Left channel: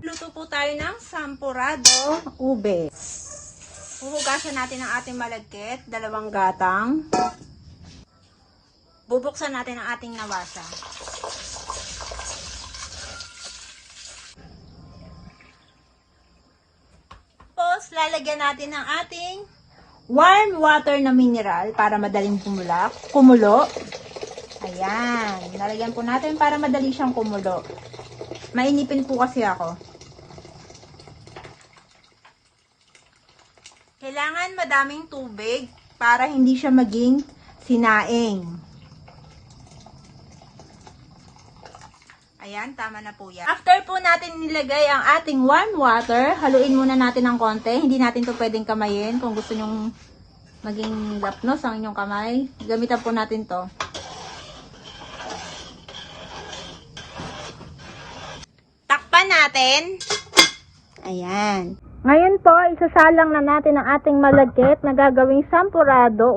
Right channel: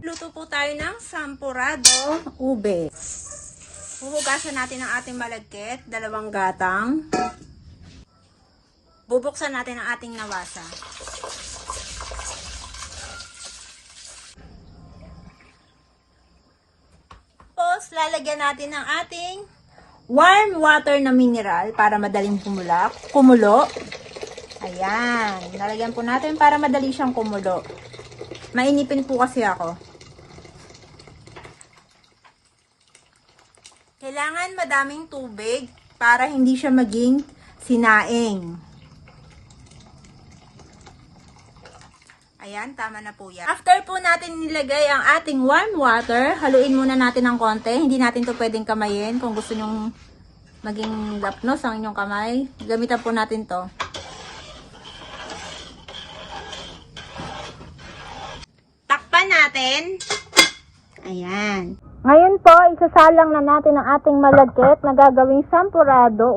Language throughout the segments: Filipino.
Luto po tayo ng sampurado ube. Huhugasan natin ang ating malagkit, 2 gatang. Bubuksan natin ang ating nawasa. Tapos, lalagyan natin ng ating warm water na mineral para madaling kumulo. Ayan. Lalagyan po natin para madali siyang kumulo. Mainipin po kasi ako. Kailangan madaming tubig para hindi siya maging sinaing. Ayan, tama na po yan. After po natin nilagay ang ating warm water, haluin muna natin ng konti. Hindi natin ito pwedeng kamayin. Kung gusto nyong maging lapnos ang inyong kamay, gamitan po natin to. Takpan natin. Ayan. Ngayon po, isasalang na natin ang ating malagkit na gagawing sampurado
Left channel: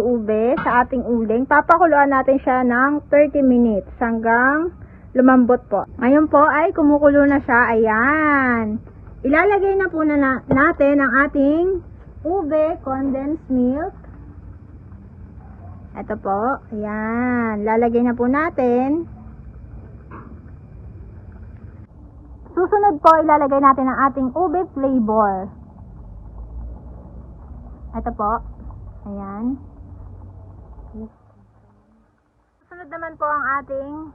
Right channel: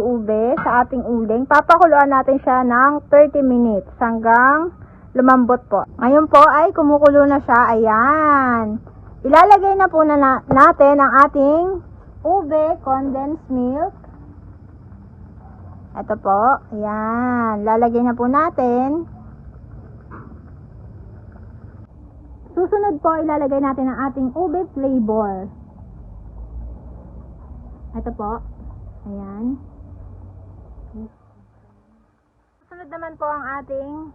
ube sa ating uling. Papakuluan natin siya ng 30 minutes hanggang lumambot po. Ngayon po ay kumukulo na siya. Ayan. Ilalagay na po natin ang ating ube condensed milk. Ito po. Ayan. Lalagay na po natin. Susunod po, ilalagay natin ang ating ube flavor. Ito po. Ayan. Susunod naman po ang ating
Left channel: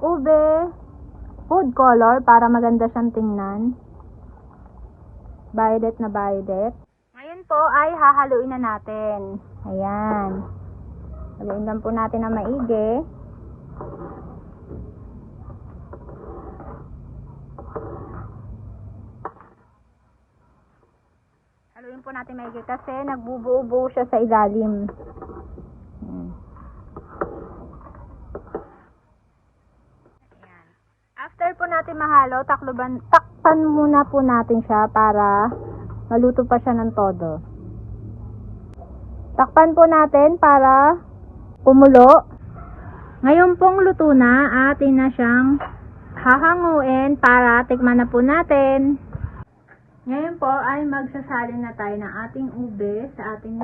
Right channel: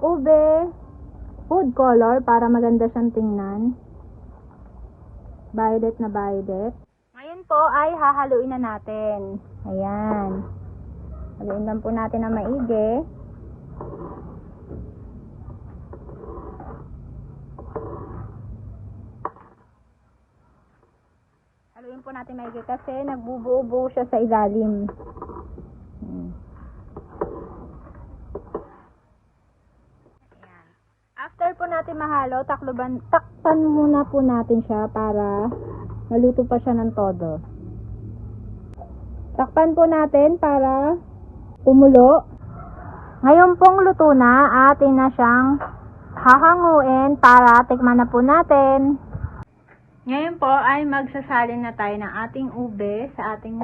ube food color para maganda siyang tingnan. Violet na violet. Ngayon po ay hahaluin na natin. Ayan. Haluin lang po natin na maigi. Haluin po natin maigi kasi nagbubuo-buo siya sa ilalim. Ayan. After po natin mahalo, takpan muna po natin siya para maluto pa siya ng todo. Takpan po natin para kumulo. Ngayon pong luto na, atin na siyang hahanguin para tikman na po natin. Ngayon po ay magsasalin na tayo ng ating ube sa ating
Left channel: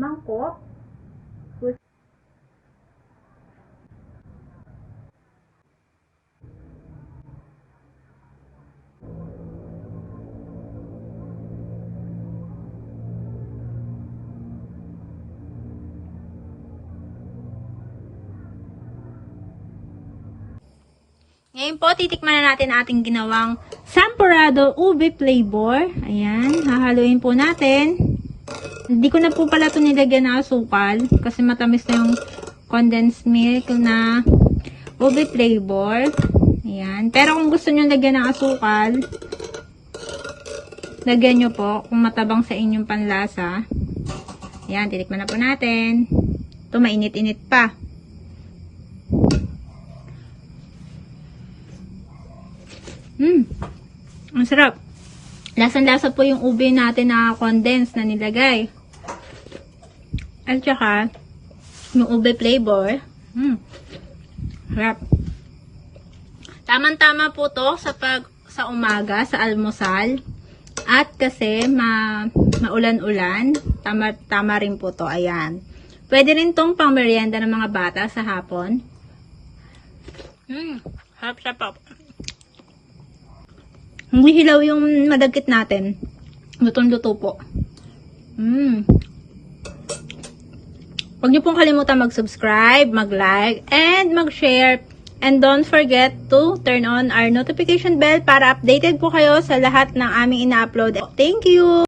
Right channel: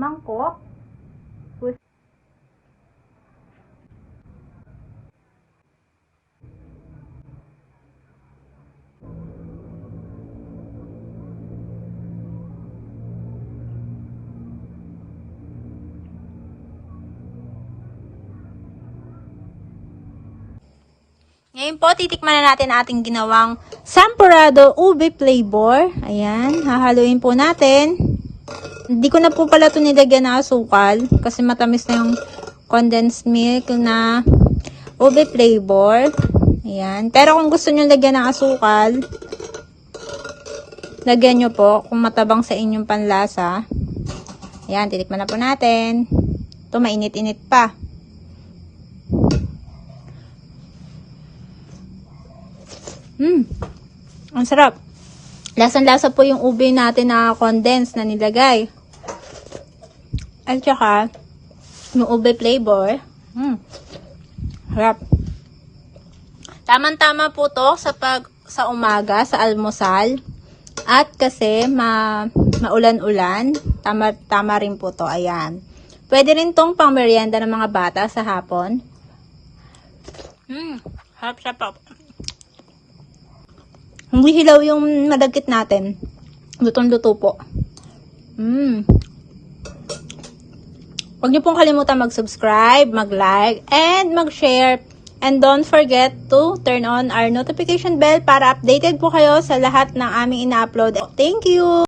mangkok. Ngayon po, titikman na natin ang ating ginawang sampurado ube flavor. Ayan, hahaluin po natin. Hindi ko na po pala ito nilagyan ng asukal kasi matamis na yung condensed milk na ube flavor. Ayan, pero kung gusto nyo lagyan ng asukal, lagyan nyo po kung matabang sa inyong panlasa. Ayan, titikman na po natin. Ito, mainit-init pa. Ang sarap. Lasang-lasa po yung ube natin na condensed na nilagay. At saka, yung ube flavor. Sarap. Tamang-tama po to sa umaga, sa almusal. At kasi maulan-ulan, tama rin po to. Ayan. Pwede rin tong pang merienda ng mga bata sa hapon. Sarap-sarap. Hindi hilaw yung madagkit natin. Lutong-luto po. Huwag niyo pong kalimutan mag-subscribe, mag-like, and mag-share. And don't forget to turn on our notification bell para updated po kayo sa lahat ng aming ina-upload. Thank you!